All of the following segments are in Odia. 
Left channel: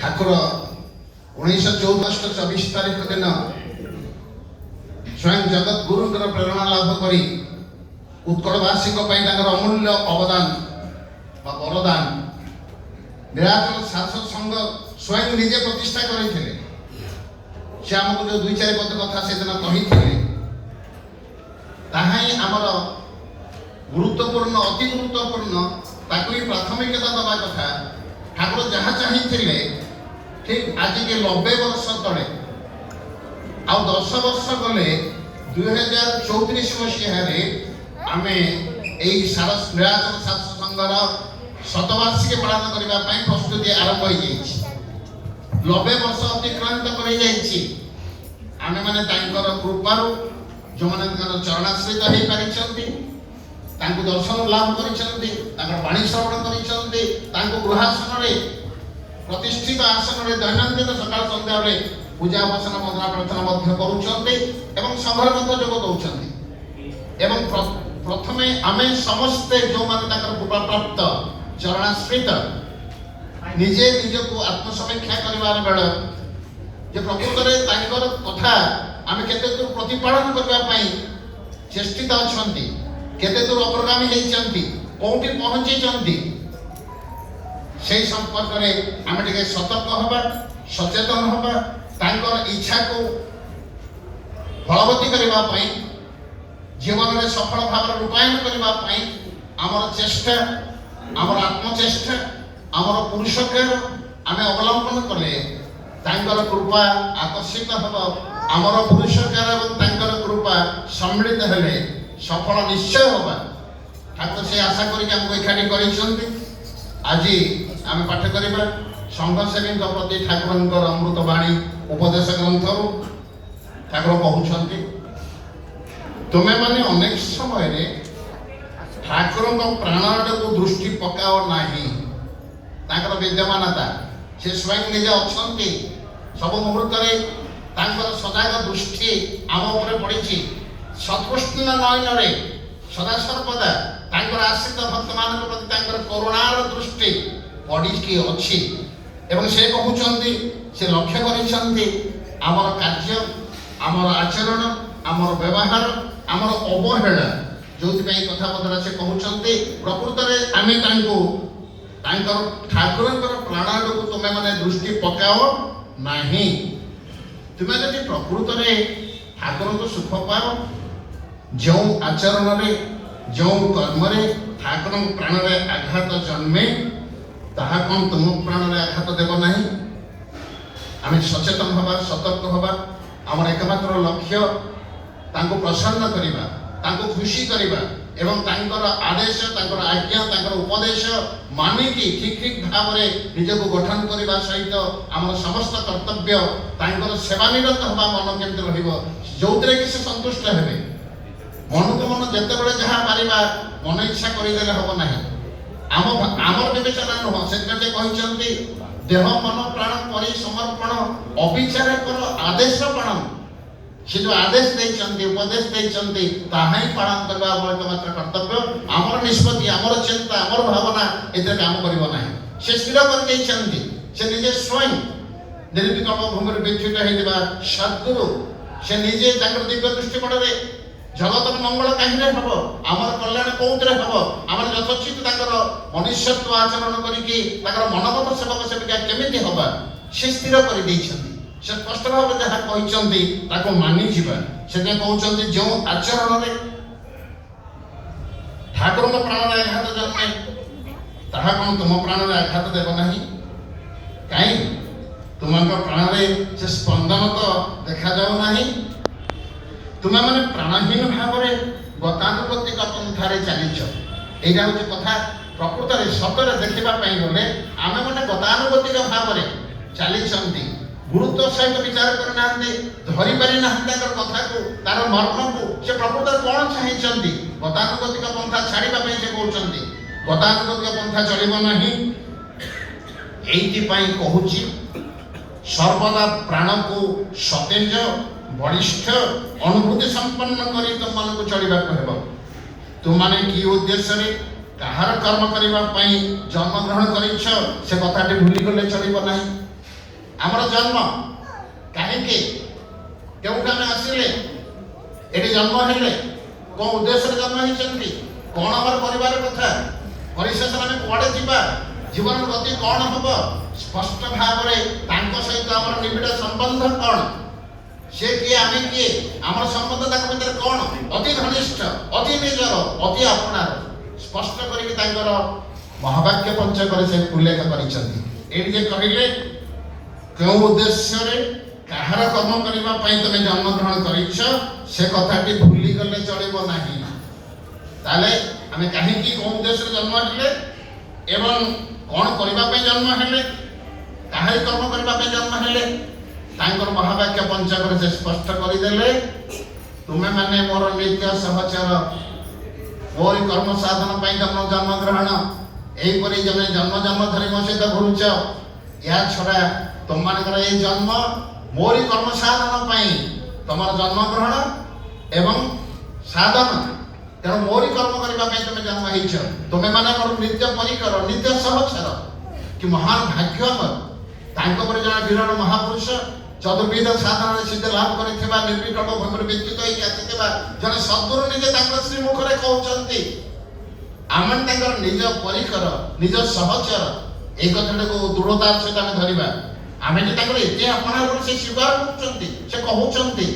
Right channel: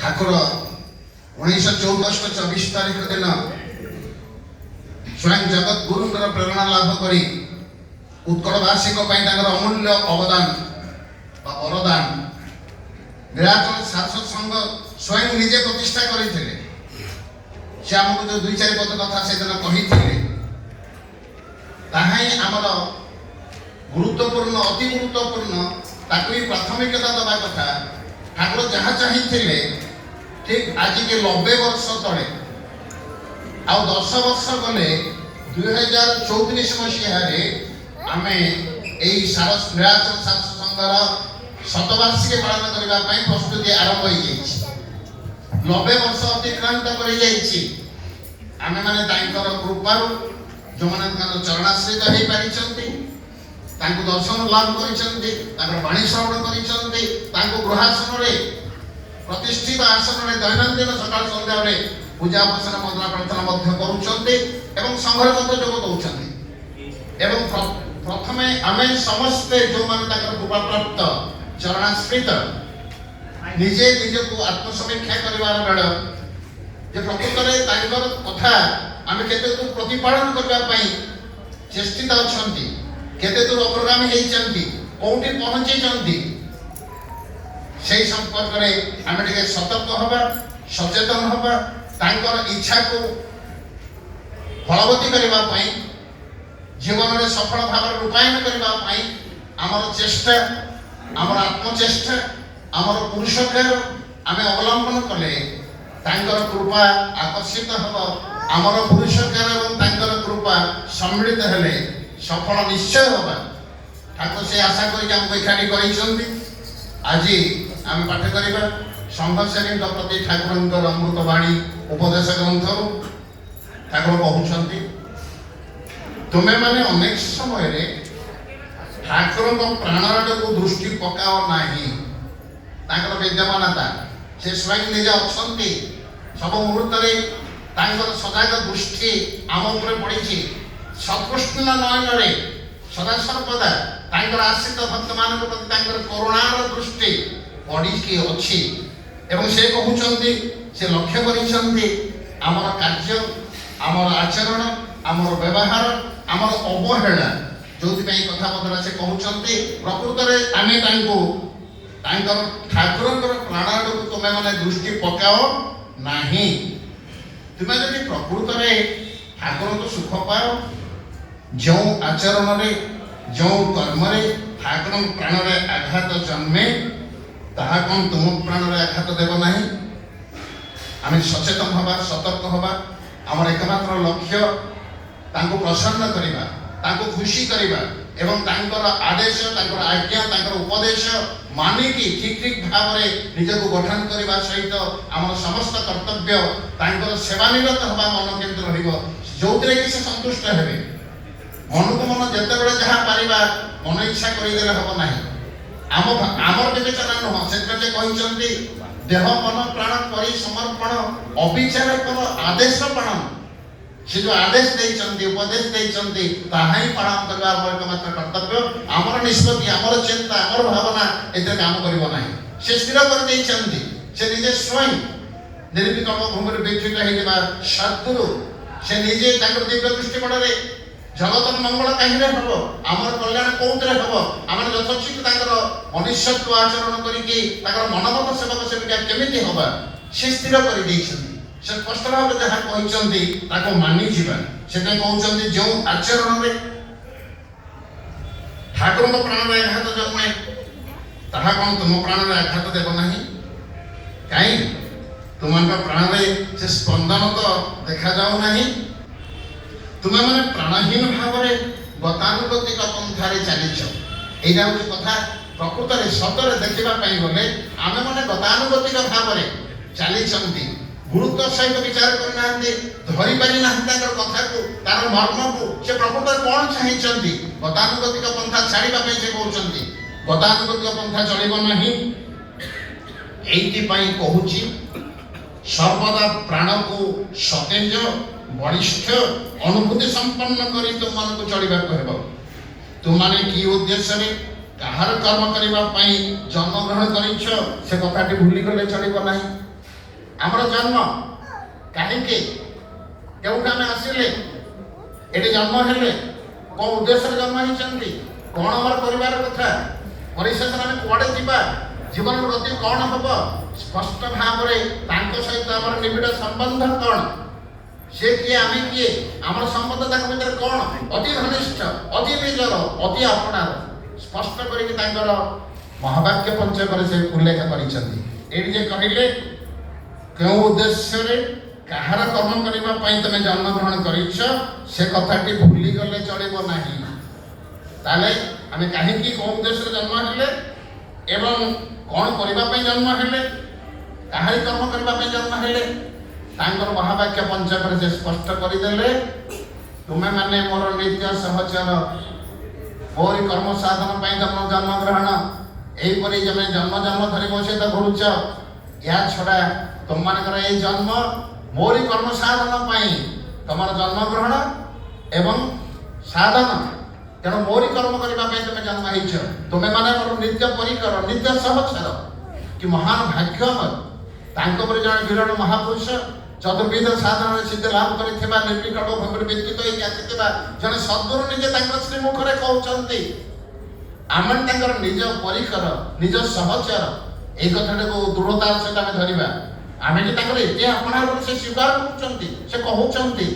ଠାକୁର 1924 ତାରିଖ ଦିନ ସ୍ୱୟଂ ଜଗତଗୁରୁଙ୍କର ପ୍ରେରଣା ଲାଭ କରି ଉତ୍କଳବାସୀଙ୍କ ପାଇଁ ତାଙ୍କର ଅମୂଲ୍ୟ ଅବଦାନ ବା ବରଦାନ ନୀଳାଚଳ ଶାଶ୍ୱତ ସଂଘ ସ୍ୱୟଂ ନିଜେ ପ୍ରତିଷ୍ଠା କରିଥିଲେ। ସେ ଆମକୁ ଯେଉଁ 2-4 ପଦ କଥା ସେଦିନ କହିଥିଲେ ତାହା ହିଁ ଆମର ଗୁରୁତ୍ୱପୂର୍ଣ୍ଣ, ଅତି ଗୁରୁତ୍ୱପୂର୍ଣ୍ଣ, ତାକୁ ହିଁ ପ୍ରାଥମିକତା ଦେବା କଥା। ଠାକୁର ଯାହା ଚାହିଁଥିଲେ ଠିକ୍ ଆଜିକି 90 ବର୍ଷ ତଳେ ଆଉ 10 ବର୍ଷ ଗଲେ 2034 ମସିହାରେ ଆମେ ଏଇ ନୀଳାଚଳ ଶାଶ୍ୱତ ସଂଘର ଶତବାର୍ଷିକୀ ପାଳନ କରିବା ପାଇଁ ପ୍ରସ୍ତୁତି ଆରମ୍ଭ ହୋଇଯାଇଛି। 90 ବର୍ଷ ଅତିକ୍ରାନ୍ତ କରିଯାଇଛି। ଆମେମାନେ ତାଙ୍କର କୃପାରୁ ଯେଉଁମାନେ ତାଙ୍କର ଚରଣାଶ୍ରିତ ହେଇପାରିଛନ୍ତି, ତାଙ୍କୁ ଦର୍ଶନ ଲାଭ କରିଛନ୍ତି, ତାଙ୍କର ବାଣୀ ଶ୍ରବଣ କରିଛନ୍ତି, ତାଙ୍କୁ ଗୃହାସନରେ ପ୍ରତିଷ୍ଠିତ ଆସନରେ ଦୈନନ୍ଦିନ ସକାଳ ସନ୍ଧ୍ୟାରେ ପୂଜା ଉପାସନା ମନ୍ତ୍ର ପ୍ରାର୍ଥନା ମଧ୍ୟ କରୁଛନ୍ତି ଏବଂ ସଂଘରେ ମଧ୍ୟ ଯୋଗ ଦେଉଛନ୍ତି। ଏବଂ ପ୍ରଥମେ ଆମେ ସମସ୍ତେ ଯେଉଁମାନେ ତାଙ୍କର କୃପାପ୍ରାପ୍ତ ଚରଣାଶ୍ରିତ ନିଜେ ନିଜକୁ ଆତ୍ମସମୀକ୍ଷା କରିବାର ବେଳ ଯେ ପ୍ରକୃତରେ ତାଙ୍କର କଥା ଆମେ କେତେ ଦୂର ପ୍ରତିପାଳନ କରିବା ପାଇଁ ଚେଷ୍ଟିତ ଅଛନ୍ତି, କେତେ ଦୂର ଅଗ୍ରଗାମୀ ହେଇଛନ୍ତି, କୋଉଠି ପହଞ୍ଚିଛନ୍ତି, সেই সম্পর্কে ଆମେ ଟିକେ ସତର୍କ ହେବା, ସଚେତନ ହେବା, ତାଙ୍କର ଇଚ୍ଛାକୁ ଫଳବତୀ କରିବା ପାଇଁ, ଜୀବନରେ ସଫଳ ଭାବରେ ରୂପାୟନ କରିବା ପାଇଁ ଆମର ଚେଷ୍ଟା, ଆମର ଆତ୍ମଚେଷ୍ଟା, ଆମର ପୁରୁଷକାର ଆମେ ଅବଲମ୍ବନ କଲେ ତାଙ୍କର କୃପା ଆକର୍ଷିତ ହେବ। ଆମର ପୁରୁଷକାର ଏବଂ ତାଙ୍କର କୃପା ସମ୍ମିଳିତ ହେଲେ ସଫଳ ନିଶ୍ଚୟ ହେବା। ଠାକୁର ସେ ଆଶା କରିକି ଆମକୁ ଏକାଠି କରିଛନ୍ତି। ଆଜି ଆମେ ପାଠ କରିବା ସଂଘର୍ଷଙ୍କ ପ୍ରତି ଠାକୁରଙ୍କର ଅମୃତ ବାଣୀ ଉପଦେଶ ଗ୍ରନ୍ଥରୁ। ଠାକୁର କହୁଛନ୍ତି, ତୁମେମାନେ ଅନେକ ସମୟରେ ଠାକୁରଙ୍କ ପ୍ରାଣକୁ ଦୃଷ୍ଟି ପକାଅ ନାହିଁ। ତାଙ୍କର ବିଦ୍ୟମାନତା, ସେ ସ୍ୱୟଂ ନିଜେ ଅଛନ୍ତି। ସବୁ ମୁହୂର୍ତ୍ତରେ ତାଙ୍କର ସଜାଗ ଦୃଷ୍ଟି ଆମ ଉପରେ ପଡ଼ିଛି। ସକୃଷ୍ଣ ନୟନରେ ସଦାସର୍ବଦା ତାଙ୍କର ଆଶ୍ରିତ ଭକ୍ତମାନଙ୍କ ପ୍ରତି ତାଙ୍କର କରୁଣାର ଦୃଷ୍ଟି ପଡ଼ିକି ଅଛି। ଏବଂ ସେ କହୁଛନ୍ତି, ସେ ଲକ୍ଷ୍ୟ କରିଛନ୍ତି ଆମର କାର୍ଯ୍ୟ, ଆମର ଆଚରଣ, ଆମର ବ୍ୟବହାର, ଆମର ଅବହେଳା ଯୋଉଥିପାଇଁ କଥାବର୍ତ୍ତା ସେ କହୁଛନ୍ତି ପ୍ରକୃତରେ ଆମେ ତାଙ୍କୁ ତାଙ୍କର ଠାକୁରଙ୍କର ପ୍ରାଣକୁ ତୁମେମାନେ ଦୃଷ୍ଟି ପକାଅ ନାହିଁ। ତୁମେ ଯଦି ପ୍ରକୃତରେ ଠାକୁରଙ୍କୁ ସୁଖ ପାଅ, ଯେଉଁ ଆଚରଣରେ ଯେଉଁ କର୍ମରେ ଠାକୁରଙ୍କ ପ୍ରାଣରେ ଆଘାତ ଜନ୍ମେ ତାହା କ'ଣ ତୁମ ପ୍ରାଣରେ ଆଘାତ ଦେବ ନାହିଁ? ଆମେ ସଚେତନ ହେବା, ସତର୍କ ହେବା। ଆମର ଏକମାତ୍ର ଲକ୍ଷ୍ୟ ତାଙ୍କୁ ପ୍ରସନ୍ନ କରିବା, ତାଙ୍କୁ ଖୁସି କରିବା ଏବଂ ତାଙ୍କର ଆଦେଶ, ତାଙ୍କର ଆଜ୍ଞା, ତାଙ୍କର ଉପଦେଶ ମାନିକି ଠିକ୍ ଭାବରେ ନିଜକୁ ଗଠନ କରିବା ସହିତ ଆମର ସମସ୍ତ କର୍ତ୍ତବ୍ୟ ତାଙ୍କର ସେବାନିରତ ହେବା ମନ କେମିତି ରହିବ, ଯୋଉଥିରେ କି ସେ ସନ୍ତୁଷ୍ଟ ହେବେ। ମନକୁ ମନ ଯେତେବେଳେ ଯାହା ପାରିବା ମନ ଇଚ୍ଛା କରିଦେଲେ ହେବ ନାହିଁ। ଆମର ବିବେଚନା ନୁହଁ। ସେଥିପାଇଁ ସେ କହିଛନ୍ତି ଦେହ ମନ ପ୍ରାଣ କରି ସମର୍ପଣ ଅବିଚାର କର ଆଦେଶ ପାଳନ। ସେ ଯେଉଁ ଆଦେଶ ଦେଇଛନ୍ତି, ଉପଦେଶ ଦେଇଛନ୍ତି ତାହା ହିଁ ପାଳନ କରିବା ଆମର ଏକମାତ୍ର କର୍ତ୍ତବ୍ୟ। ଆମର ନିଷ୍ପତ୍ତି, ଆମର ଚିନ୍ତା, ଆମର ଭାବନା ଏଥିରେ କାମ କରିବ ନାହିଁ। ସେ ସ୍ଥିର କରିଦେଇଛନ୍ତି। ସେ ନିଜେ ସ୍ୱୟଂ ନିର୍ବିକଳ୍ପ ଭୂମିରେ ବିଚ୍ୟୁତ ହେଇଥିବା ସଦ୍ଗୁରୁ, ସେ ନିଜେ ତାଙ୍କର ଦିବ୍ୟ ଦୃଷ୍ଟିକୋଣରେ ଜଗତର ମଙ୍ଗଳ କାହିଁରେ ହେବ, ଆମର କଲ୍ୟାଣ କୋଉଥିରେ ହେବ, ଆମର ଯଥୋଚିତ ତାଙ୍କର ମନୁଷ୍ୟତ୍ୱ ଆଚରଣ କରିକି ତାଙ୍କର ମନୋମତ ସେବକ ସେବିକା କେମିତି ହେବା ସେ ସ୍ଥିର କରିଦେଇଛନ୍ତି। ସେ ସ୍ପଷ୍ଟ ଭାବରେ ଯାହା କହିଛନ୍ତି ତାକୁ ମାନିଯିବା। ସେଥିପାଇଁ କହୁଛନ୍ତି ଯେଉଁ ଆଚରଣରେ ଠାକୁରଙ୍କ ପ୍ରାଣରେ ଆଘାତ ଜନ୍ମେ ତାହା କ'ଣ ତୁମ ପ୍ରାଣରେ ଆଘାତ ଦେବ ନାହିଁ? କାହିଁ ତୁମଙ୍କ ପ୍ରାଣରେ ସେ ସ୍ପନ୍ଦନ ତ ଦେଖାଯାଉ ନାହିଁ। ତୁମେମାନେ ପ୍ରାଣହୀନ ଭାବରେ ଗତାନୁଗତିକ ପନ୍ଥାରେ ଚାଲିଛ। ଏଇଟା ହେଉଛି କଥା। ପ୍ରକୃତରେ ସତରେ ଦେଖିବା ପାଇଁ ଗଲେ ଆମେମାନେ ଗତାନୁଗତିକ ଭାବରେ ଚାଲିଛନ୍ତି। ଗୁରୁତ୍ୱ ସହିତ ବିଚାର କରିନାହାନ୍ତି, ଧରିପାରି ନାହାନ୍ତି ତାଙ୍କର କଥାକୁ, ତାର ମର୍ମକୁ। ସେ ପ୍ରକୃତରେ କ'ଣ ଚାହିଁଛନ୍ତି? ଗତାନୁଗତିକ ପନ୍ଥା ଛାଡ଼ିବା ପାଇଁ ସେ କହୁଛନ୍ତି। ଗତାନୁଗତିକ ପନ୍ଥା ଚଳିବ ନାହିଁ। ଏଇଥିପାଇଁ କହୁଛି ସର୍ବଦା ପ୍ରାଣକୁ ସତେଜ, ବଳିଷ୍ଠ, ଅନୁଭୂତି ସମ୍ପନ୍ନ କରି ତୁମମାନଙ୍କୁ ଚଳିବାକୁ ହେବ। ତୁମମାନେ କି ଉଦ୍ଦେଶ୍ୟରେ କାହାର କର୍ମ କରିବା ପାଇଁ ଜନ୍ମଗ୍ରହଣ କରିଛ ସେ କଥାଟି ଭୁଲିଗଲେ ଚଳିବ ନାହିଁ। ଆମର ଜନ୍ମ କାହିଁକି କେଉଁଠୁ ଆମେ ଆସିଲେ ଏଠି ଜନ୍ମ ହେଲେ କୋଉ ଉଦ୍ଦେଶ୍ୟରେ ଜନ୍ମ ହେଇଛନ୍ତି କଣ ଆମର କରିବାର କଥା ପରିଶେଷରେ ଆମେ କୁଆଡେ ଯିବା ଜୀବନର ଗତି କଣ ହବ ସ୍ପଷ୍ଟ ଭାବରେ ତାଙ୍କ ସହିତ ଆମର ନିବିଡ଼ ସମ୍ବନ୍ଧ କଣ ସେ କିଏ ଆମେ କିଏ ଆମର ସମ୍ବନ୍ଧ ତାଙ୍କ ଭିତରେ କଣ ଅତି ଘନିଷ୍ଠ ଅତି ନିଜର ଅତି ଆପଣାର ସ୍ପଷ୍ଟ କରିକି ତାଙ୍କର ମହାବାକ୍ୟ ପଞ୍ଚକରେ ସେ ଉଲ୍ଲେଖ କରିଛନ୍ତି ଏଠି ଯେ କହିଲେ କେଉଁ ଉଦ୍ଦେଶ୍ୟରେ କାହାର କର୍ମ କରିବା ପାଇଁ ତମେ ଜନ୍ମଗ୍ରହଣ କରିଛ ସେ କଥାଟି ଭୁଲିଗଲେ ଚଳିବ ନାହିଁ ତାହେଲେ ଆମେ କାହିଁକି କୋଉ ଉଦ୍ଦେଶ୍ୟରେ ଜନ୍ମ ହେଲେ ଏବଂ କଣ କରିବା ପାଇଁ ଜନ୍ମ ହେଲେ କାହାରି କର୍ମ କରିବା ପାଇଁ ଜନ୍ମ ହେଲେ ତାଙ୍କର ମହାବାକ୍ୟ ପଞ୍ଚକରେ ସେ ସ୍ପଷ୍ଟ କରିଦେଲେ ତୁମେ ମାନେ ମୋର ନିତ୍ୟ ସହଚର ମୋରି କର୍ମ ସାଧନ ପାଇଁ ଜନ୍ମଗ୍ରହଣ ଏହିପରି ଜମେ ଜନ୍ମ ଧରି ମୋ ସହିତ ଘୁରୁଛ ଏହା ଛଡ଼ା ତୁମମାନଙ୍କର ଏଇ ଜନ୍ମ ମୋରି କର୍ମ ସାଧନ ପାଇଁ ତମର ଜନ୍ମଗ୍ରହଣ ଏବଂ ସାଧନ ତେଣୁ ମୋରି କର୍ମ କରିବା ପାଇଁ ତମେ ଜନ୍ମ ହେଇଛ ତୁମେ ମାନେ ମୋର ନିତ୍ୟ ପରିକର ନିତ୍ୟ ସହଚର କି ମହାନ ଭାଗ୍ୟମୟ ତାଙ୍କ ପରି ଜଣେ ବିରାଟ ମହାପୁରୁଷ ଚତୁର୍ବିଧ ସାଧନରେ ସିଦ୍ଧ ଲାଭ କରିଥିବା ନିର୍ବିକଳ୍ପ ଭାବରେ ବିଚିତ ହେଇକି ଆସିଥିବା ଜଣେ ସଦ୍ଗୁରୁ ନିଜେ ତାଙ୍କର ଶ୍ରୀମୁଖରେ କହୁଛନ୍ତି ଆମେ ତାଙ୍କର ନିଜ ପରିକର ନିଜ ସହଚର ଏଇ କଥାଟାକୁ ଦୃଢ଼ତାର ସହିତ ଆମେ ଧରିବା ଆମେ ଯେ ତାଙ୍କର ଏତେ ଆପଣାର ସେ ସ୍ୱୀକାର କରୁଛନ୍ତି ସେ କହୁଛନ୍ତି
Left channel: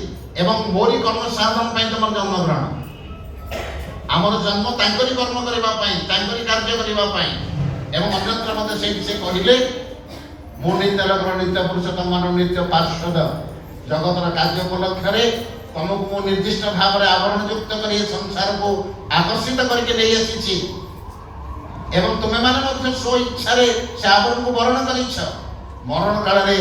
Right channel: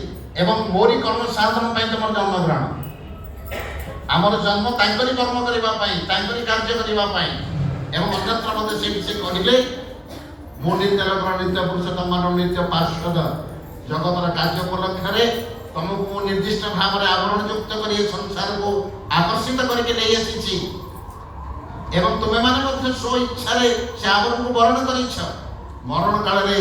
ଏବଂ ମୋରି କର୍ମ ସାଧନ ପାଇଁ ତମର ଜନ୍ମଗ୍ରହଣ ଆମର ଜନ୍ମ ତାଙ୍କରି କର୍ମ କରିବା ପାଇଁ ତାଙ୍କରି କାର୍ଯ୍ୟ କରିବା ପାଇଁ ଏବଂ ଅନ୍ୟତ୍ର ମଧ୍ୟ ସେଇଠି ସେ କହିଲେ ମୁଁ ନିତ୍ୟ ଲୋକର ନିତ୍ୟ ପୁରୁଷ ତମର ନିତ୍ୟ ପାର୍ଶ୍ୱଦ ଜଗତର କାର୍ଯ୍ୟ ଉପଲକ୍ଷରେ ତମକୁ ମୁଁ ନିର୍ଦ୍ଦିଷ୍ଟ ଭାବରେ ଆବରଣ ଯୁକ୍ତ କରି ଏ ସଂସାରକୁ ଆକର୍ଷିତ କରିକି ନେଇ ଆସିଛି ଏବଂ ତୁମେମାନେ ମଧ୍ୟ ସ୍ୱ ଇଚ୍ଛାରେ ସେ ଆବରଣକୁ ବରଣ କରିଛ ମରଣ କାଳରେ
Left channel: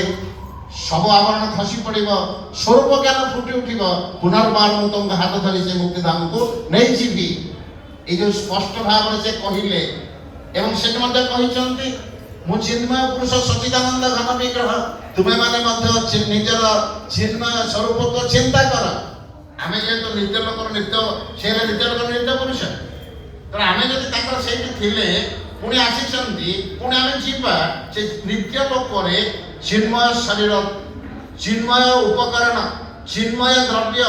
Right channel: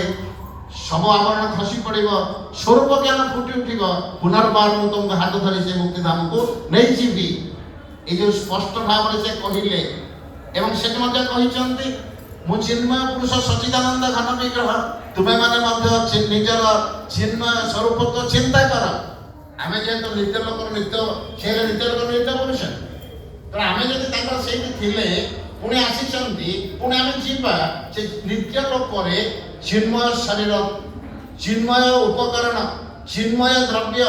ସବୁ ଆବରଣ ଖସି ପଡ଼ିବ ସ୍ୱରୂପ ଜ୍ଞାନ ଫୁଟି ଉଠିବ ପୁନର୍ବାର ମୁଁ ତୁମକୁ ହାତ ଧରି ସେ ମୁକ୍ତିଧାମକୁ ନେଇଯିବି ଏଇ ଯୋଉ ସ୍ପଷ୍ଟ ଭାବରେ ସେ କହିଲେ ଏବଂ ସେ ମଧ୍ୟ କହିଛନ୍ତି ମୁଁ ଚିନ୍ମୟ ପୁରୁଷ ସଚିଦାନନ୍ଦ ଘନ ବିଗ୍ରହ ତୁମେମାନେ ମଧ୍ୟ ନିଜର ଚିନ୍ମୟ ସ୍ୱରୂପତ୍ୱ ଚିନ୍ତା କର ଆମେ ଯେହେତୁ ନିତ୍ୟ ଲୋକର ନିତ୍ୟ ସେ ନିତ୍ୟ ଲୋକର ନିତ୍ୟ ପୁରୁଷ ତେଣୁ ଆମେ ଯଦି ତାଙ୍କର ସେଇଠି ଥିଲେ ପୁଣି ଆସିଛନ୍ତି ପୁଣି ଆମେ ଯିବା ସେ ନିତ୍ୟ ଲୋକରେ ଚିନ୍ମୟ ଶରୀର ଚିନ୍ମୟ ଉପକରଣ ଚିନ୍ମୟ ଦ୍ରବ୍ୟ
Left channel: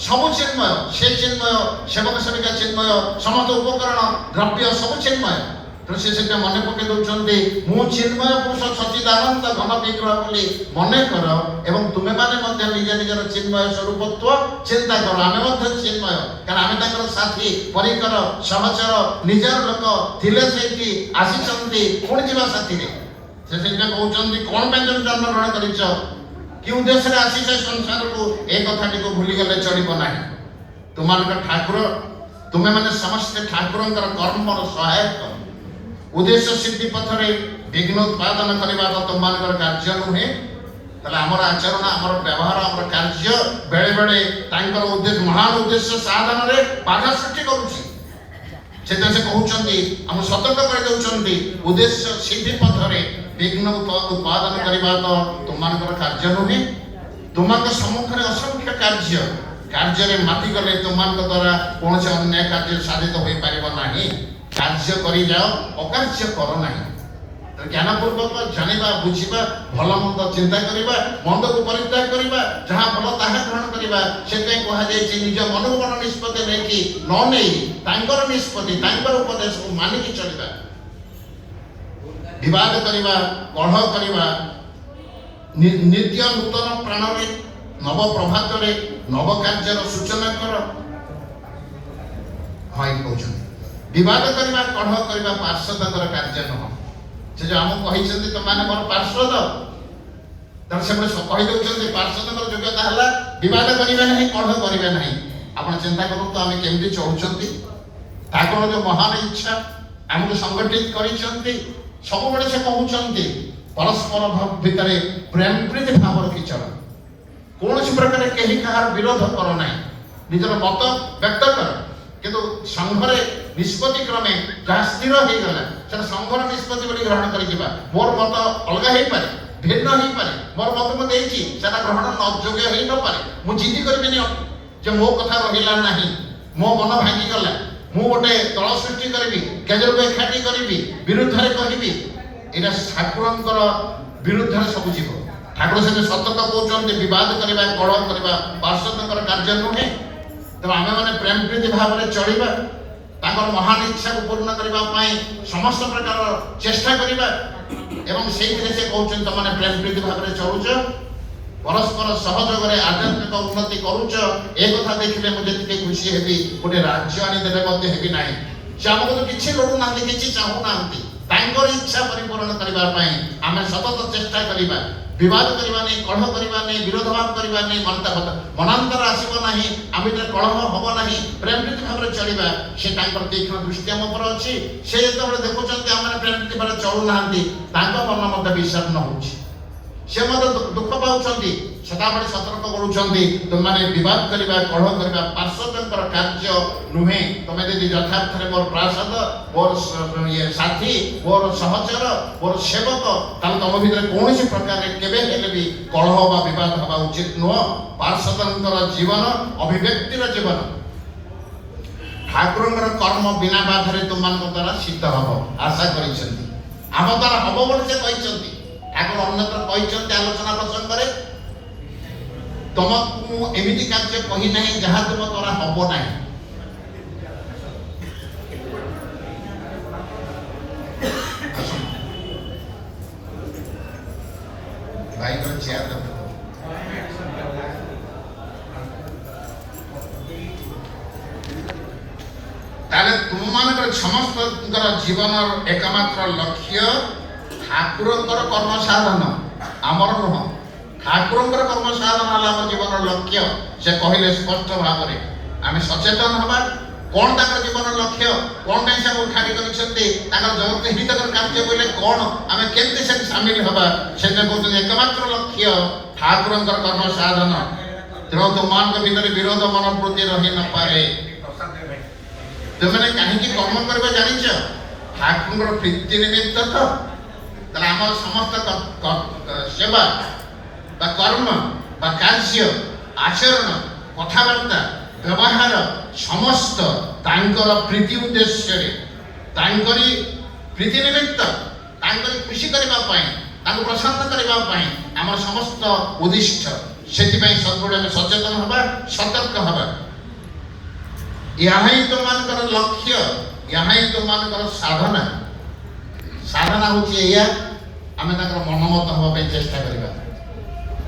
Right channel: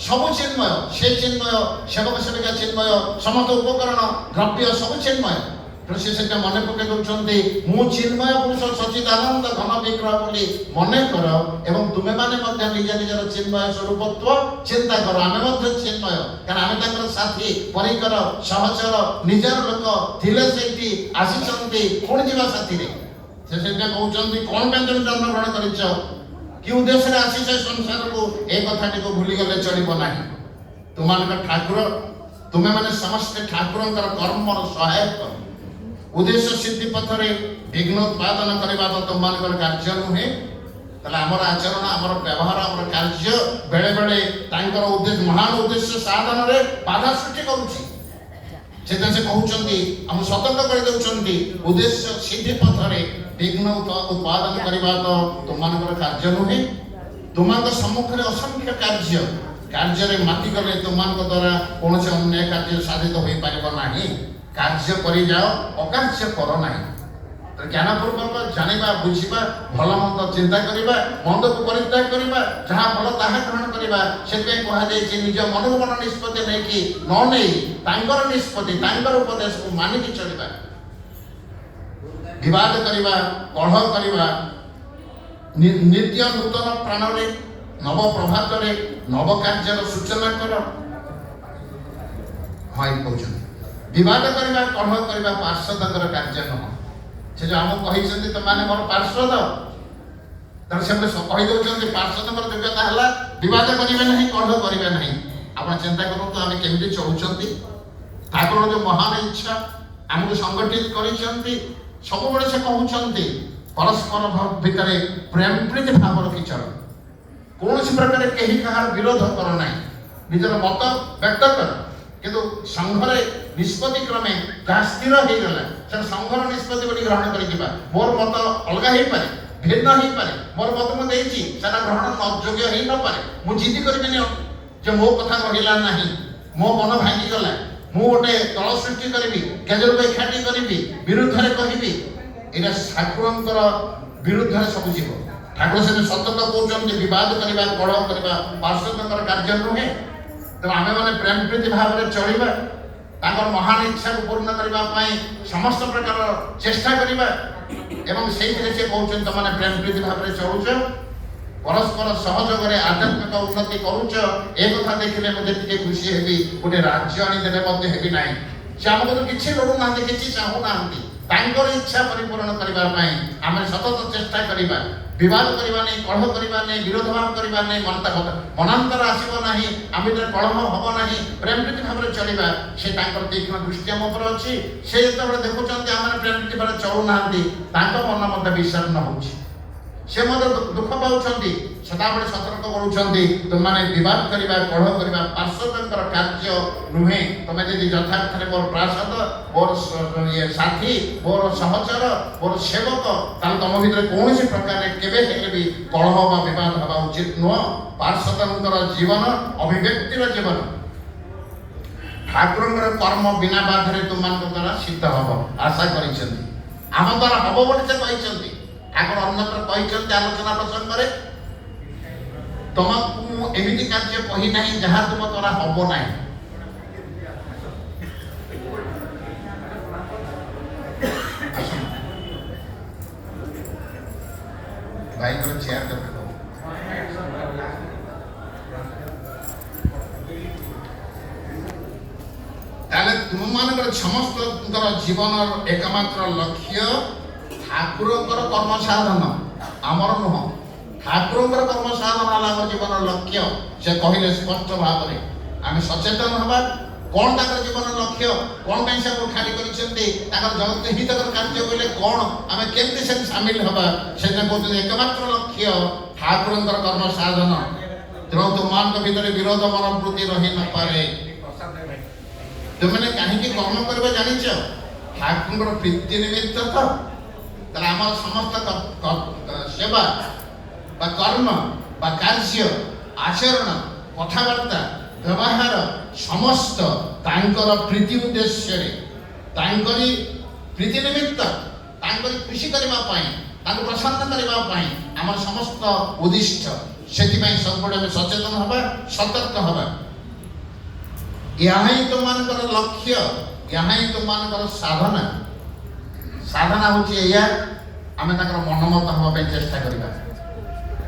ସବୁ ଚିନ୍ମୟ ସେ ଚିନ୍ମୟ ସେବକ ସେବିକା ଚିନ୍ମୟ ସମସ୍ତ ଉପକରଣ ଦ୍ରବ୍ୟ ସବୁ ଚିନ୍ମୟ ତେଣୁ ସେ ସେଟା ମନେ ପକେଇ ଦଉଛନ୍ତି ମୁଁ ଚିନ୍ମୟ ପୁରୁଷ ସଚିଦାନନ୍ଦ ଘନ ବିଗ୍ରହ ବୋଲି ମନେ କର ଏବଂ ତୁମେମାନେ ମଧ୍ୟ ନିଜ ନିଜର ଚିନ୍ମୟ ସ୍ୱରୂପତ୍ୱ ଚିନ୍ତା କର ଆମେ ମଧ୍ୟ ଚିନ୍ମୟ କାରଣ ଆମେ ତାଙ୍କର ସାଥୀ ପରିକର ସହଚର ନିଜର ଲୋକ ଥିଲେ ସେଇଠି ଆସିଛନ୍ତି ପୁଣି ଯିବା ସାଥିରେ ସେ ସେଟା କହୁଛନ୍ତି କଣ ପାଇଁ ତମେ ଜନ୍ମଗ୍ରହଣ କରିଛ କି ଉଦ୍ଦେଶ୍ୟରେ ଆସିଛ ସଂସାରକୁ ଏ କଥାଟିକୁ ଭୁଲିଗଲେ ଚଳିବ ନାହିଁ ତୁମମାନଙ୍କ ଠାକୁର ତୁମେମାନେ ସମସ୍ତେ ଠାକୁରଙ୍କର କର୍ମର ସହାୟକ ଉଦ୍ଦେଶ୍ୟ ସିଦ୍ଧି ପଥରେ ବିଘ୍ନ ଉତ୍ପାଦନ କରିବା ତ ତୁମମାନଙ୍କର କାର୍ଯ୍ୟ ନୁହେଁ ତାହେଲେ ଆମର ଆଚରଣ ଆମର ବ୍ୟବହାର ଆମର କାର୍ଯ୍ୟ ବେଳେ ବେଳେ ତାଙ୍କର ଉଦ୍ଦେଶ୍ୟ ମହାନ ଉଦ୍ଦେଶ୍ୟ ସାଧନରେ ବାଧା ସୃଷ୍ଟି କରୁଛି ସେଟା ସେ କହୁଛନ୍ତି ଆମ ସତର୍କ କରିଦେଉଛନ୍ତି ଉଦ୍ଦେଶ୍ୟ ସିଦ୍ଧି ପଥରେ ବିଘ୍ନ ଉତ୍ପାଦନ କରିବା ତ ତୁମମାନଙ୍କର କାର୍ଯ୍ୟ ନୁହେଁ ତୁମମାନଙ୍କ ସମ୍ମୁଖରେ ଅସଂଖ୍ୟ କାର୍ଯ୍ୟରେ ମାତିଗଲେ ତୁମମାନଙ୍କ ଦ୍ୱାରା କୌଣସି ଅନ୍ୟାୟ କାର୍ଯ୍ୟ ସାଧିତ ହୋଇପାରିବ ନାହିଁ କାର୍ଯ୍ୟ କରିଯାଅ ଅକାର୍ଯ୍ୟ କର ନାହିଁ ଜ୍ଞାନପୂର୍ବକ ଜାଣିବା ବୁଝିବା ଭଲ ମନ୍ଦ ଚିନ୍ତା କରିବା ମନ୍ଦକୁ ପରିତ୍ୟାଗ କରିବା ଯାହା ଭଲ ତାହା ଗ୍ରହଣ କରିବା ସେଥିପାଇଁ କୁହାଯାଇଛି ନିଜ ମନକୁ ମନ ନିଷ୍ପତ୍ତି ନେଇକି ନ ନେଇ ତାଙ୍କର ନିଷ୍ପତ୍ତି ତାଙ୍କର ଉପଦେଶକୁ ମାନିକି ଚଳିବା ବିବାଦ କରିବା କଳହ କରିବା ନିତ୍ୟ ନୂତନ ପ୍ରାଣରେ ନବ ପ୍ରଭାତରେ ନବ କାର୍ଯ୍ୟର ସୂଚନା କର ହଁ ଏଇ କହୁଛନ୍ତି ବିବାଦ କରିବା କଳହ କରିବା ପାର୍ଶ୍ୱଦଙ୍କର କାର୍ଯ୍ୟ ନୁହଁ ସେ ଯୋଉ ଆମକୁ କହିଛନ୍ତି ତମାନେ ମୋର ପାର୍ଶ୍ୱଦ ତାହେଲେ ସେମାନେ କହିଦେଉଛନ୍ତି ପାର୍ଶ୍ୱଦଙ୍କର ଯୋଗ୍ୟତା ହେଲା ବିବାଦ କରିବେ ନାହିଁ କଳହ କରିବେ ନାହିଁ ଆପଣ ଚିନ୍ତା କରନ୍ତୁ ଆମେ କେମିତି ଚଳୁଛନ୍ତି ଠାକୁର ଯୋଉ ମହାନ ଇଚ୍ଛା ଆମକୁ ସଂଗଠିତ କରିଛନ୍ତି ସବୁବେଳେ ସେ କହୁଛନ୍ତି ପରସ୍ପର ଭିତରେ ପ୍ରେମ ପ୍ରୀତି ଭାବ ରଖି ଚଳ କୌଣସି ପ୍ରକାର କେହି କାହାର ବିରୋଧ କର ନାହିଁ ନିଜର ମତ ବ୍ୟକ୍ତ କର କିନ୍ତୁ ସଂଘରେ ନିଷ୍ପତ୍ତି କ୍ରମେ ଯାହା ସ୍ଥିର ହେଇଗଲା ସେଟା ସଂଘର ନିଷ୍ପତ୍ତି ବୋଲି ଗ୍ରହଣ କରିଯିବା ମୋର ମତ ଅଲଗା ହେଇପାରେ ଭିନ୍ନ ହେଇପାରେ ମୋର ମତ ମୁଁ ଦେଇଛି ସେଟା ଗ୍ରହଣ ଯୋଗ୍ୟ ହେଇ ନପାରେ ମୁଁ ଜିଦି କରିବିନି ଯେ ମୋ କଥା ରହିଲା ନାହିଁ ମୋ ମନ ଭାଙ୍ଗିଗଲା ମୁଁ ଗୋଟେ ଦଳ ସୃଷ୍ଟି କରିବି କେଜରକୁ ଏକାଠି କରିବି ବିରୁଦ୍ଧରେ କହିବି ଏଇଟା ଠାକୁରଙ୍କର ବିରୁଦ୍ଧରେ ସବୁ ଯିବ ଠାକୁର ସେମିତି ସତତ କହୁଛନ୍ତି ବିବାଦ କରିବା କଳହ କରିବା ପାର୍ଶ୍ୱଙ୍କର କାର୍ଯ୍ୟ ନୁହେଁ। ତେଣୁ ଆମେମାନେ ପ୍ରେମ ପ୍ରୀତି ଭାବରେ ଚଳିବା, ତାଙ୍କର ମହାନ ଇଚ୍ଛାକୁ ପୂର୍ଣ୍ଣ କରିବା ପାଇଁ ସମସ୍ତ ପ୍ରକାର ଚେଷ୍ଟା କରିବା ଏବଂ ସେଇଥିରେ ସେ କହୁଛନ୍ତି ତମାନେ ପ୍ରେମ ପ୍ରୀତି ଭାବରେ ଚଳୁଛ, ପରସ୍ପର ସହଯୋଗରେ ଆଧ୍ୟାତ୍ମିକ ଉନ୍ନତି କରୁଛ, ଏ କଥା ଦେଖିଲେ ମୁଁ ଯେତିକି ଖୁସି ହେବି ଗୋଟେ ରାଜ୍ୟ ଆଣିଦେଲେ ମଧ୍ୟ ହେବି ନାହିଁ। ସେ ଆମକୁ ତ କିଛି ଲୋଡୁନାହାନ୍ତି, କିଛି ଚାହୁଁନାହାନ୍ତି, ତାଙ୍କର ଇଚ୍ଛା ପରିପୂରଣ କରିବା ପାଇଁ ଆମେ ସତତ ଚେଷ୍ଟା କରିବା। ବିବାଦ କରିବା ନାହିଁ, କଳହ କରିବା ନାହିଁ, ବିରୋଧ ଭାବ କରିବା ନାହିଁ, ମନାନ୍ତର ଆସିବ ନାହିଁ, ଆମ ଭିତରେ କଳହ ହବ ନାହିଁ, ପ୍ରେମ ପ୍ରୀତି ଭାବରେ ଚଳିବା। ସେ ତାଙ୍କର ତୀକ୍ଷ୍ଣ ଦୃଷ୍ଟି ଆମ ଉପରେ ଅଛି। ସେ ଯେତେବେଳେ ଦେଖୁଛନ୍ତି ଆମେ ପ୍ରେମ ପ୍ରୀତି ଭାବରେ ଚଳୁନାହାନ୍ତି, ତାଙ୍କ ମନ ମଧ୍ୟ ବିଷର୍ଣ୍ଣ ହଉଛି, ସେ ମଧ୍ୟ ଦୁଃଖ ପାଉଛନ୍ତି। ସଦାବେଳେ ସତର୍କ କରୁଛନ୍ତି ତୁମମାନେ ବିବାଦ କରିବା କଳହ କରିବା ପାର୍ଶ୍ୱଙ୍କର କାର୍ଯ୍ୟ ନୁହେଁ। ତମେ ଯଦି ଯଥାର୍ଥରେ ମୋର ପ୍ରାସାଦ, ମୋର ସାଥୀ, ମୋର ସହଚର, ମୋର ସେବକ, ତାହେଲେ ତମ ଭିତରେ କୌଣସି ପ୍ରକାରରେ କେବେ ହେଲେ ବି କଳହ ବା ବିବାଦ ହେବା ଉଚିତ ନୁହଁ। ପାର୍ଶ୍ୱଙ୍କର ଜୀବନ ଅଭିବ୍ୟକ୍ତିର ଜୀବନ। ଠାକୁରଙ୍କର କର୍ମ ବିନା ବାଧାରେ ତୁମମାନଙ୍କ ଦ୍ୱାରା ସିଦ୍ଧ ହବ ଆଶା କରିଛନ୍ତି। ଆମ ଦ୍ୱାରା ହବ ବୋଲି ସେ କହିଛନ୍ତି। ଠାକୁର ଅନ୍ୟତ୍ର କହିଛନ୍ତି ଆଲୋଚନା ପ୍ରସଙ୍ଗରେ, ତମକୁ ମୁଁ ଏମିତି କାର୍ଯ୍ୟ କହି ନାହିଁ ଯାହା ତୁମ ଦ୍ୱାରା ହବ ନାହିଁ। ଭାଇଙ୍କର ଚେୟାର ଦରକାର। ତାହେଲେ ତୁମମାନଙ୍କର ସମସ୍ତଙ୍କର ଜୀବନର ଏକମାତ୍ର ଲକ୍ଷ୍ୟ ଠାକୁରଙ୍କର କର୍ମ ସାଧନ, ଆମର ନୁହଁ। ଠାକୁରଙ୍କର କର୍ମ ସାଧନ ହେଲା ଆମ ଜୀବନର ଲକ୍ଷ୍ୟ। ସେ କହିଲେ ସ୍ପଷ୍ଟ ଭାବରେ ଆମେ ସଚେତନ ହେବା କ'ଣ ତାଙ୍କର ଜୀବନର ଲକ୍ଷ୍ୟ, କ'ଣ ପାଇଁ ସେ ଠାଣି କରିଛନ୍ତି, ତାଙ୍କର ଜଗତ ହିତକର କାର୍ଯ୍ୟ କହିଲେ କ'ଣ, ଆମେ କେମିତି ସେଠି ସାମିଲ ହେବା। ସେଇଟା କହୁଛନ୍ତି ଏକମାତ୍ର ଲକ୍ଷ୍ୟ ଠାକୁରଙ୍କର କର୍ମ ସାଧନ। ତେଣୁ ତୁମମାନଙ୍କ ଭିତରେ ବିରୋଧ ମନୋବୃତ୍ତି ରହି ନପାରେ। ତୁମେ କାହିଁକି କର୍ମ କରିବା ଜାଣିଛ? ଠାକୁରଙ୍କର ପ୍ରୀତି ନିମିତ୍ତ ତ। ତାହେଲେ ଆମର ସମସ୍ତ ସେବା ବା କର୍ମ ବା କାର୍ଯ୍ୟ ଆଚରଣ କଥାବାର୍ତ୍ତା ବ୍ୟବହାର ସମସ୍ତ ତାଙ୍କର ପ୍ରୀତି ଉଦ୍ଦେଶ୍ୟରେ, ତାଙ୍କରି ପ୍ରୀତି ନିମିତ୍ତ, ତାଙ୍କରି ଖୁସି କରିବା ପାଇଁ, ତାଙ୍କୁ ପ୍ରସନ୍ନ କରିବା ପାଇଁ ଆମର ସମସ୍ତ ଉଦ୍ଦିଷ୍ଟ। ସେଥିପାଇଁ ସବୁବେଳେ ଆମେ ସଚେତନ ହେବା, ସତର୍କ ହେବା। ଏହା ହିଁ ତୁମମାନଙ୍କର ଲକ୍ଷ୍ୟ, ଏହା ହିଁ ତୁମମାନଙ୍କର ସାଧନା। ସାଧନା ହେଉଛି ଏଇଆ, ଆମେ ତାଙ୍କର ମନମତ ହେବା ପାଇଁ ଚେଷ୍ଟା କରିବା,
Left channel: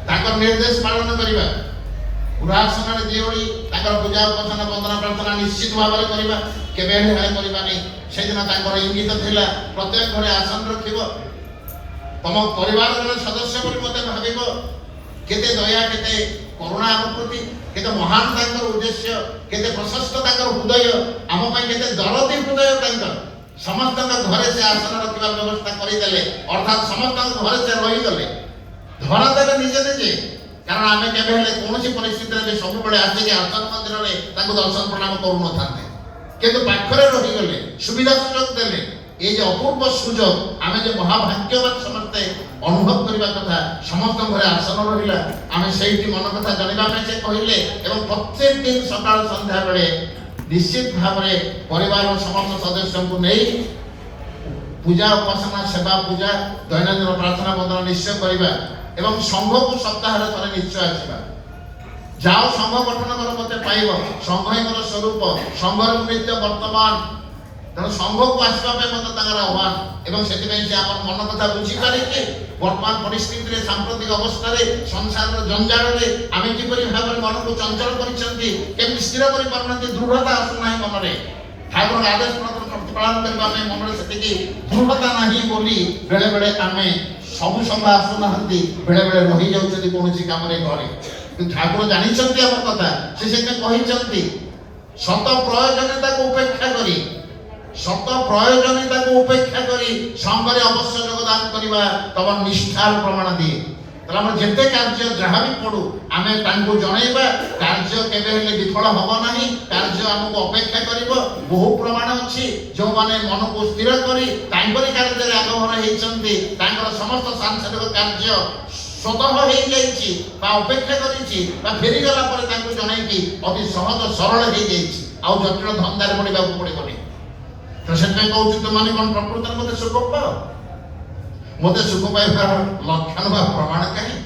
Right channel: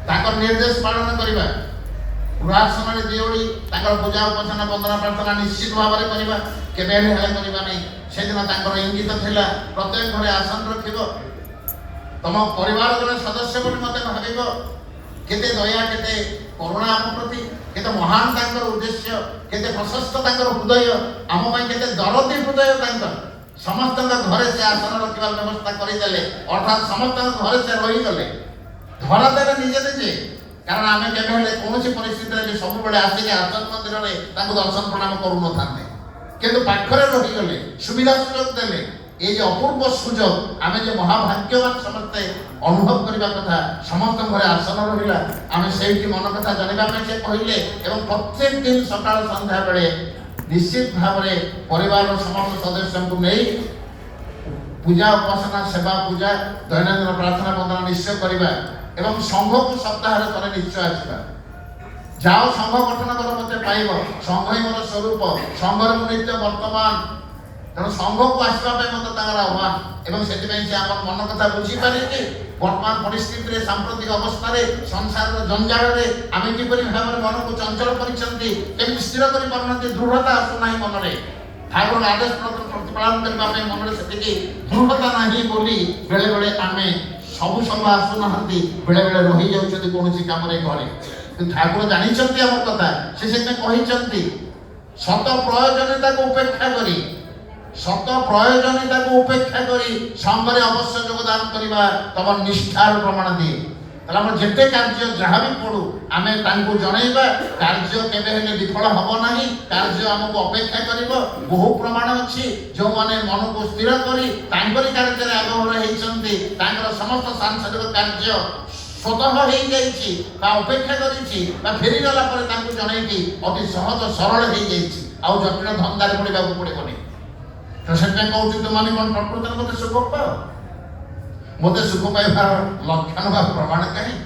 ତାଙ୍କର ନିର୍ଦ୍ଦେଶ ପାଳନ କରିବା। ପୁରାସନରେ ଯେଉଁଠି ତାଙ୍କର ପୂଜା ଉପାସନା ବନ୍ଦନା ପ୍ରାର୍ଥନା ନିଶ୍ଚିତ ଭାବରେ କରିବା, କେବେ ହେଳେ କରିବା ନାହିଁ। ସେଦିନ ତାଙ୍କର ଇଙ୍ଗିତ ଥିଲା ପ୍ରତ୍ୟେକ ଘରେ ଆସନ ରଖିବ, ତମ ପରିବାରର ସଦସ୍ୟ ବୋଲି ମୋତେ ଭାବିବ। କେତେ ଦୟା, କେତେ କରୁଣା ଆମ ପ୍ରତି, କେତେ ମହାନ ତାଙ୍କର ଉଦ୍ଦେଶ୍ୟ, କେତେ ପ୍ରଶସ୍ତ ତାଙ୍କର ହୃଦୟ, ଆମ ପାଇଁ କେତେ ଦରଦୀ ହୃଦୟ ତାଙ୍କର। ସମସ୍ତଙ୍କ ଘରେ ସେ ଆସନ ରଖିବାର ବ୍ୟବସ୍ଥା କରିଦେଲେ, ଅର୍ଥାତ୍ ସମସ୍ତଙ୍କ ଘରେ ସେ ରହିଗଲେ, ଧରା ଦେଲେ ନିଜେ ନିଜେ। କାରଣ ଆମେ କେବେ ହେଲେ କୌଣସି ପରିସ୍ଥିତିରେ ବି ସବୁବେଳେ ଆସିକି ଆସନ ମନ୍ଦିରରେ ତାଙ୍କୁ ଦର୍ଶନ ପ୍ରଣାମ କରୁନଥାନ୍ତେ, କିନ୍ତୁ ପାଖରେ ରହିଗଲେ, ସୁବିଧା ସୁଯୋଗ ଦେଲେ। এই যে অপূর্ব সুযোগ, আমি যে মহাভাগ্যবান সমস্তে অনুভব করিবা কথা। ସମସ୍ତଙ୍କ ଘରେ ଆସନ ରହିଲା, ଆମେ ସେଇଠି ମନ କଥା ଜାଣିବା ପାଇଁ ସେ କହିଲେ। ଏବଂ ପ୍ରତ୍ୟେକ ଦିନ ସକାଳ ସନ୍ଧ୍ୟା ବେଳେ ନିଶ୍ଚିତ ଭାବରେ ପରିବାରର ସମସ୍ତ ସଦସ୍ୟଙ୍କୁ ନେଇ ପୂଜା ଉପାସନା ସେବା ପୂଜା ଦୈନନ୍ଦିନ ପ୍ରାର୍ଥନା ବନ୍ଦନା ନିଶ୍ଚୟ କରିବା ଏବଂ ସଂଘକୁ ସପ୍ତାହରେ ଥରେ ନିଶ୍ଚୟ ଆସିବା। ଯାଅ ସଂଘ ଗଠନ କର, ମୋତେ ପାଇବ। ସଂଘ ହିଁ ମୋର ସ୍ୱରୂପ, ସଂଘରେ ମୁଁ ନିତ୍ୟ ବର୍ତ୍ତମାନ। ତେଣୁ ସଂଘକୁ ଆସିବା ପାଇଁ ମୋତେ ତାଙ୍କର ଆହ୍ୱାନ। ଏବଂ ସେଥିପାଇଁ ସେ ଆମର ମନ କଥା ବୁଝିପାରିକି ବର୍ତ୍ତମାନ ପରିସ୍ଥିତିରେ, ସାମ୍ପ୍ରତିକ ଅବସ୍ଥାରେ, ସଂସାରର ଜଞ୍ଜାଳରେ ଆମେ କିପରି ଭାବରେ ମନକୁ ଚଞ୍ଚଳ କରିଛନ୍ତି, କେମିତି ସ୍ଥିର କରିପାରୁନାହାନ୍ତି, ଦୃଢ଼ତା ଆସୁନାହିଁ ମନରେ। ଠାକୁରଙ୍କ ଆଦେଶ ପ୍ରତିପାଳନ କରିବା ପାଇଁ ମନରେ ସେତିକି ଦୃଢ଼ତା ନାହିଁ ବୋଲି ବେଳେବେଳେ ଆମେ ସବୁ ସଂଘ ଆସୁନାହାନ୍ତି, ବେଳେବେଳେ ରହିଯାଉଛନ୍ତି କୌଣସି କାମରେ ଘରେ। କିନ୍ତୁ ଠାକୁର ଜାଣିଛନ୍ତି ଆମ କଥା, ସେ ସେଥିପାଇଁ କହିଛନ୍ତି ସତ ପ୍ରୟୋଜନୀୟତାକୁ ଉପେକ୍ଷା କରି, ସତ ପ୍ରୟୋଜନୀୟତାକୁ ଉପେକ୍ଷା କରି ସଂଘରେ ଅବଶ୍ୟ ଯୋଗଦାନ କରିବା ତମ ନିଷ୍ଠାର ପ୍ରମାଣ ଦିଏ। ତାହେଲେ ଆମର ଯେତେ କାର୍ଯ୍ୟ ଯାହା ବି ପଡୁ ଆମେ ତାଙ୍କୁ ଜଣେଇବା। କାର୍ଯ୍ୟ କେବେ ହେଲେ ବିଫଳ ହବ ନାହିଁ, କାର୍ଯ୍ୟ ଆମକୁ ଅପେକ୍ଷା କରିବ। ବହୁ ପ୍ରମାଣ ଅଛି, ଯେଉଁମାନେ ମନକୁ ସ୍ଥିର କରି ତାଙ୍କରି କାର୍ଯ୍ୟରେ ଆଗମନ ହେଇଛନ୍ତି, ତାଙ୍କର ସମସ୍ତ ସାଂସାରିକ କାର୍ଯ୍ୟ ସ୍ୱତଃ ହେଇଯାଇଛି ବା ଅପେକ୍ଷା କରିଛି ବା ଫେରିଗଲା ପରେ ତାଙ୍କୁ ଜଣେଇକି ଅତି ସହଜ ସରଳ ହେଇଯାଇଛି, ଆଉ ଜଟିଳ ଧନ୍ଦାରେ ପଡ଼ିବାକୁ ପଡ଼ିବନି। ତ ସେଥିପାଇଁ କହୁଛି, ତୁମାନେ କ'ଣ ପ୍ରକୃତରେ ମୋତେ ସୁଖ ପାଅ? ମୋତେ ସୁଖ ପାଇବାର ଲକ୍ଷଣ ବା ପ୍ରମାଣ କାହିଁ?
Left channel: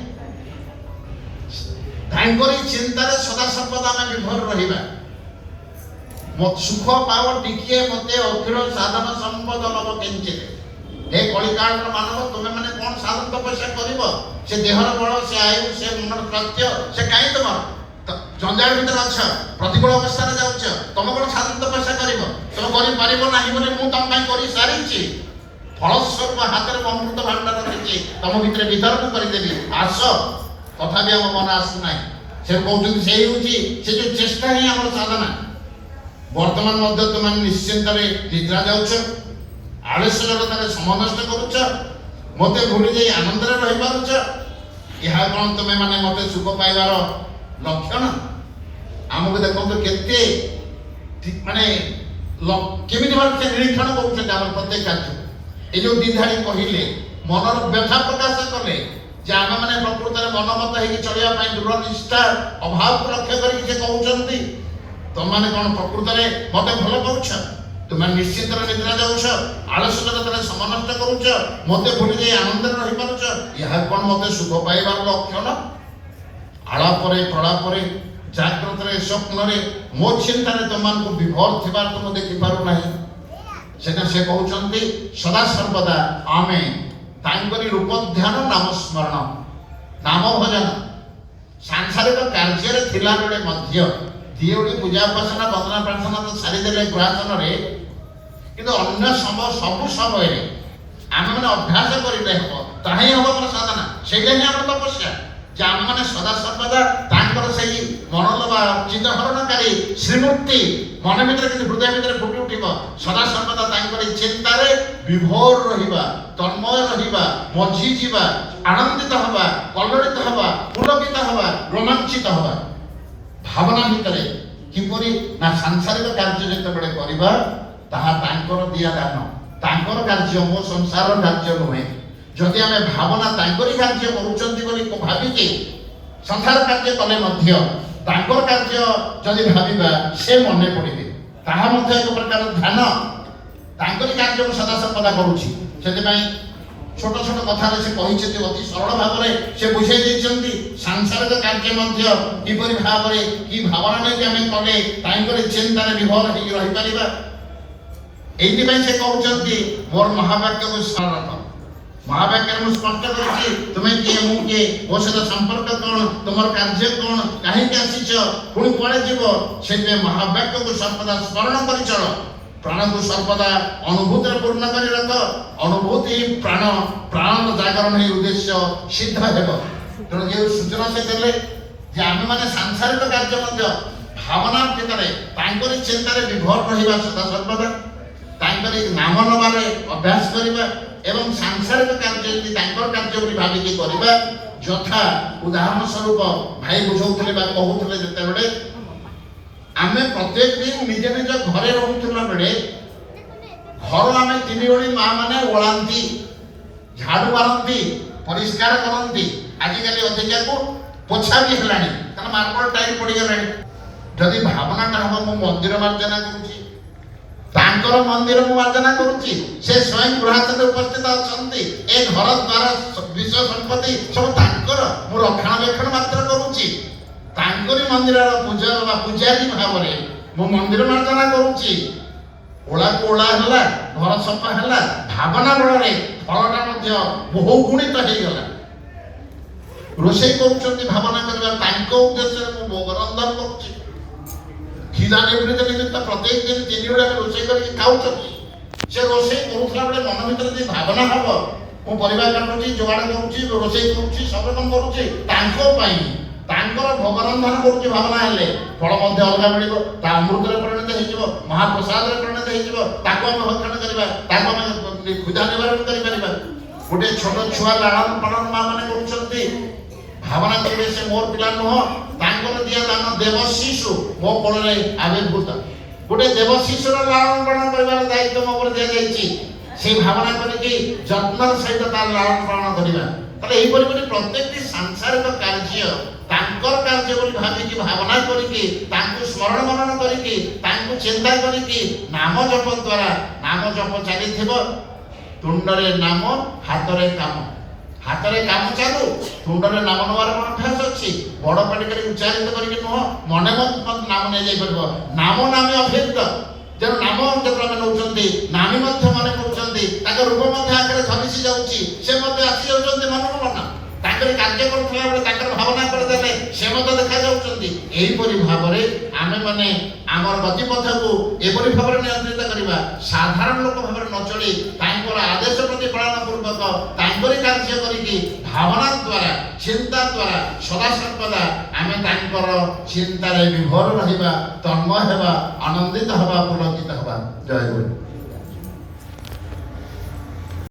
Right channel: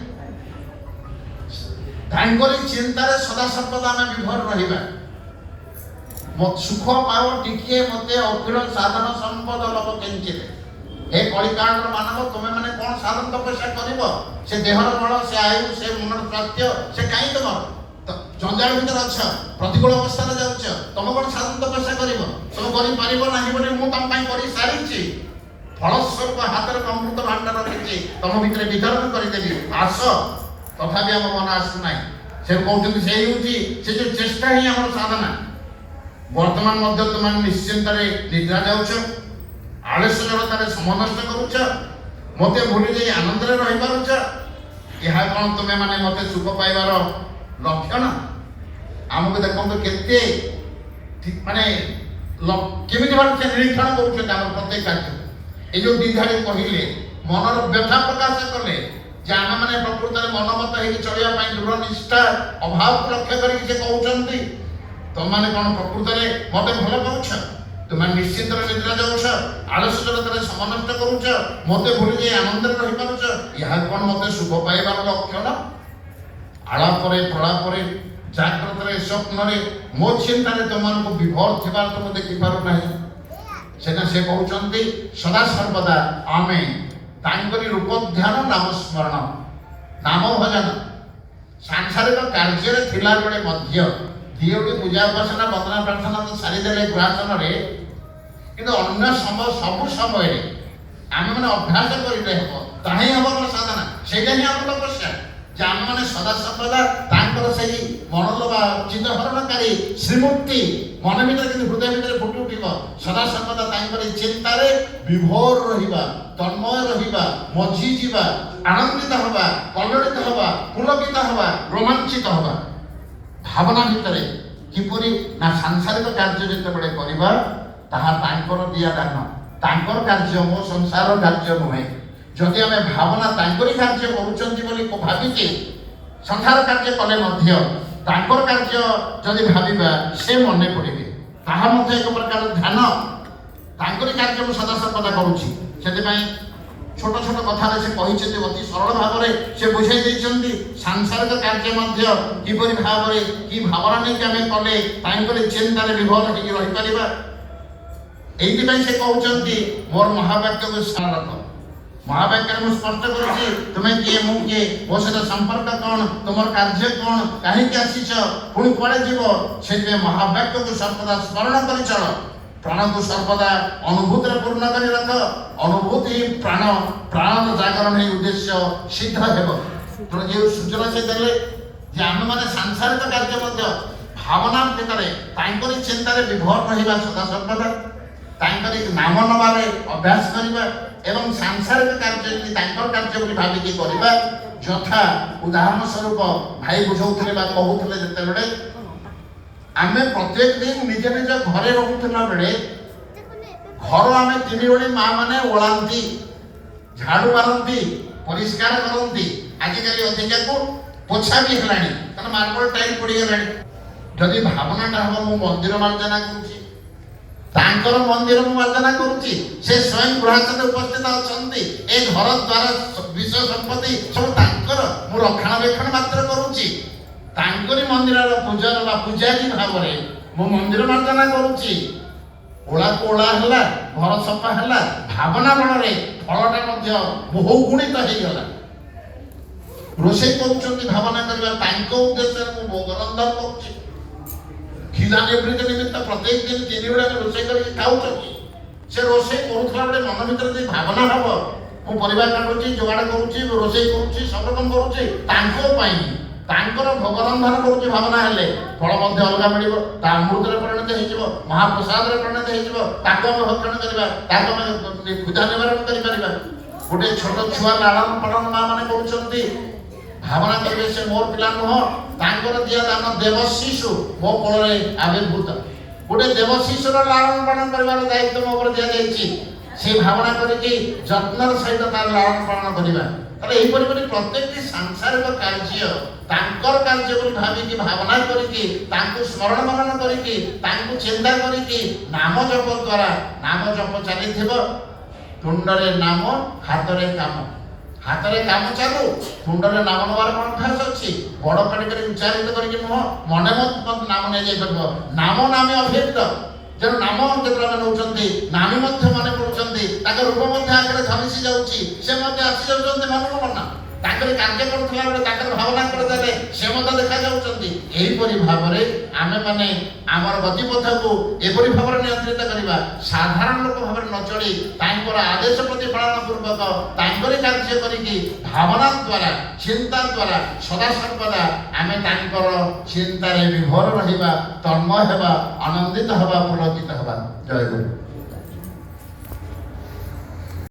ତାଙ୍କରି ଚିନ୍ତାରେ ସଦା ସର୍ବଦା ଆମେ ବିଭୋର ରହିବା। ସୁଖ ପାଅ ଟିକିଏ ମତେ ଅଖିଳ ସାଧନ ସମ୍ପଦ ଲବ କେଞ୍ଚିରେ। हे कलिकांड मानव तुमे माने कोन साधन तपस्या करिवो? से देहर बळ, से आयु, से मनर स्वास्थ्य, से काई तुम जंजाल भीतर अछ, प्रतिकूल अवस्था रे जाउछ, तुम कोन साधन तपस्या करिवो? तुम करि पारिबो नाही बोली मु तुम पई करि सारिछि। फलस्वरूप हाथ रे अमृत भांडार रखिछि, तुम भितर वितरण करि देबी। आस तथापि हम मन आसु नाही। से कहउछथि सेही होछि से जो चेष्टा ही हमर साधना। वर्तमान मध्य तुम निश्चिंत रे निद्रा जाउछ, आलस्यतारे समय नष्ट करुच, मते भूली जाई आनंद रे रहि पारुच। यह कौन तुमे माने मते सुख पाइबार लक्षण? आमको देखो केते माने केमिति बात से निरीक्षण करुछन हमर प्रत्येक कार्य। ए जो दिधाड़ी कहिले मनर व्यथा प्रकाश कले जे आमे माने प्रकृत रे मनमत हेकि चलिया पई दृढ़ निष्ठा अभाव को लक्ष्य करी जे कहउचंती तुम माने कोन प्रकृत रे मते भलो पाउछ, तुम निश्चित निद्रा जाऊछ, आलस्यतारे समय नष्ट करुच, मते भूली जाई आनंद रे रहि पारुच। यह कोन मते सुख पाइबार लक्षण? आलापरे प्रलापरे जाग्रत रे स्वप्न रे मो चिंता रे तुम को विभोर थिबार तुम देखि पारु नाही। सेना से कहउचंती सदा सर्वदा आमे तांकरी रूप ध्यान नाम स्मरण नाम भजन सांसारिक कार्य रे थिला बेले मध्य दियोगी पूजा उपासना वंदना प्रार्थना तो सारी देले गुहासन रे, किंतु अन्य समय सब समय आमे माने अभ्यास करिले हबो, ताही हबो हमर साधना। सेटा ही हमर तपस्या जे आमे माने सदा सर्वदा तांकर सेही मनोलबा चित्तहरणकारी श्रीमूर्ति मन भीतर कि हृदय भीतर फुटी उठिबो। सदा सर्वदा तांकर चिंता रे विभोर रहिबा, तन्मय रहिबा, मझी जीवा, आनंदित हबा, कलड़ित हबा, पुलकित हबा, रोमांचित हबा। भावना भितरे किपरि ना सांसारिक कार्य जते बडे परिवार ताहा तांकर दिया दान, तांकर कार्य मो संसार कार्य नुहे। जदि आमे भावना तांकरी कार्य करूचंती बोली को भाबी के संसार कार्य कले मध्य तांकर कार्य जदि भाबिबा से मने पड़िबे, ताहा मध्य एक प्रकार ध्यान तांकरी कार्य मु सदा सर्वदा करूची। सेते पई छोट छोट कथा से कहिछे अति सरल भाव में से बुझाई देइछंती सांसारिक कार्य मध्य किपरि भाव में की भावना नै आमे कले तांकरी चिंता रे विभोर हेकि रहि परिबा। एइति पई से कहउचंती मोर महावाक्य को स्मरण महावाक्य में स्पष्ट करूची तुमे किए मु किए मो सहित संपर्क कोन, तुमर कार्य कोन, काहे के आसीछ, पुणी कुआडे जीवो। सेते महावाक्य को सर्वदा स्मरण करि चल। प्राण को सर्वदा अनुभूति पूर्ण करी रख। अनुभूति प्राण प्राण जागरण है उद्देश्य सिद्ध हेब। तेणु ये सूचना से देले जे आम माने सांसारिक कार्य मध्य भावना भितर तांकरी चिंता रे विभोर रहिबा सदा सर्वदा, तांकरी नाम नबारे अभ्यास करिबा एवं सांसारिक कार्य यदि तांकर कार्य बोली भाबिकी करिबा। यथा उदाहरण स्वरूप भाई बुझौथले बा कहउथले जते बेले आमे प्रत्येक दिन निजे निज घरे रहउथला बेले घर आमे तीन ओडी मां माने ओळांती, झाड़ू मारंती, परिष्कार करंती। आजिकाली अधिका को पोछा भी हेलानी कारण मार्बल टाइल पड़ी गलानी। जदि भावनाटा हम मु मंदिर मार्जना करूची, तांकर मंदिर मु मार्जना करूची, से स्वयं गृहासने उपस्थित अछंती, ए घर द्वार विश्व संपत्ति सब तांकर मु रक्षणाबेक्षण मात्र करूची। तांकरी मंदिर पूजा बा पूजारी भाव में मो मंदिर मार्जना करूची। ओला कोला हला, घर सफा हला, भावना बल रे फलटा मध्य बहु गुणित हो गला। रोषे करूचंती भावना करबा तांको उद्देश्य मु भोग रंधन करूची। खिला निवृत्ति निमित्त प्रत्येक दिन तीन बेला रोषे करके खाउचंती। से रोषे करूथला बेले मन भीतर जे भावना हबो मु परिवार काटुची, जोगाड़ करूची, रोषे करूची, सब रकम करूची तांको पई। तांकर भोग रंधन करूची भावना हेले फल मध्य अलगा मिलिबो, ता अमृत रे परिणत हेजिबो, महाप्रसाद रे परिणत हेजिबो। ताको हम भक्षण करिबा, ताको हम खुदा निवारण करि परिबा। गोटे छोट छुआ लालन पालन मां माने करूचंती भावना करबे से मोर पिला नह, तांकर दिया दान देव शिशु मो कोल रे आविर्भूत। गोटे देव शिशुर लालन पालन करिबार दायित्व मो पर दिया जायछि। से भावना करिकि यत्नर सहित तार लालन पालन करिबा। तले एही परि प्रत्येक सांसारिक कार्य तांकर कार्य बोली भाबिकी भावना करिकि तांको स्मरण मनन करिकि तांको चिंता करिकि नाम जप द्वारा नाम जप चली थिबो। तुंडरे नाम हाथ रे काम ହାତରେ କାମ ଚାଲୁ, ତୁଣ୍ଡରେ ନାମ ନେବାର କ'ଣ ଅଭ୍ୟାସ ଅଛି? ବଡ଼ ପାଟି କରି ଉଚ୍ଚାରିତ କରିକି ନୁହଁ, ମନେ ମଧ୍ୟ ନାମ ନେଇଯାଇପାରିବ। ନାମ ନାମେ ଅଭିନ୍ନ। ତେଣୁ ନାମ ଯେତେବେଳେ ଆମେ ନେଉଛନ୍ତି, ନାମୀ ମଧ୍ୟ ମନେ କରୁଛନ୍ତି, ତାଙ୍କ ରୂପ ମଧ୍ୟ ଆଗରେ ଝଲିସି ଯାଉଛି, ସେ ମଧ୍ୟ ଆସି ଯାଉଛନ୍ତି ମନକୁ ମନ। ତାଙ୍କର କାର୍ଯ୍ୟ କରୁଥିଲା ବେଳେ ତାଙ୍କର ଭାବନା କରିଦେଲେ ସେ ମଧ୍ୟ ଦେଖାଯାଉଛନ୍ତି। ଏହିପରି ଭାବରେ ଆମେମାନେ ଆମର ଗତିପଥକୁ ଏପରି ଭାବରେ ନିୟନ୍ତ୍ରିତ କରିବା, ସାଧାରଣ ଲୋକ ଭାବରେ ନ ଚଳି ତାଙ୍କର ଆଦେଶ ପ୍ରତିପାଳନ ପୂର୍ବକ ତାଙ୍କରି କାର୍ଯ୍ୟ କରିକି ଭାବନା ଦ୍ୱାରା, ଚିନ୍ତା ଦ୍ୱାରା ସଦାସର୍ବଦା ଆମେ ତାଙ୍କର ଚିନ୍ତାରେ ବିଭୋର ରହିବା, ତନ୍ମୟ ହେବା, ଆନନ୍ଦିତ ହେବା, ପୁଲକିତ ହେବା। ଜୟ ଗୁରୁ।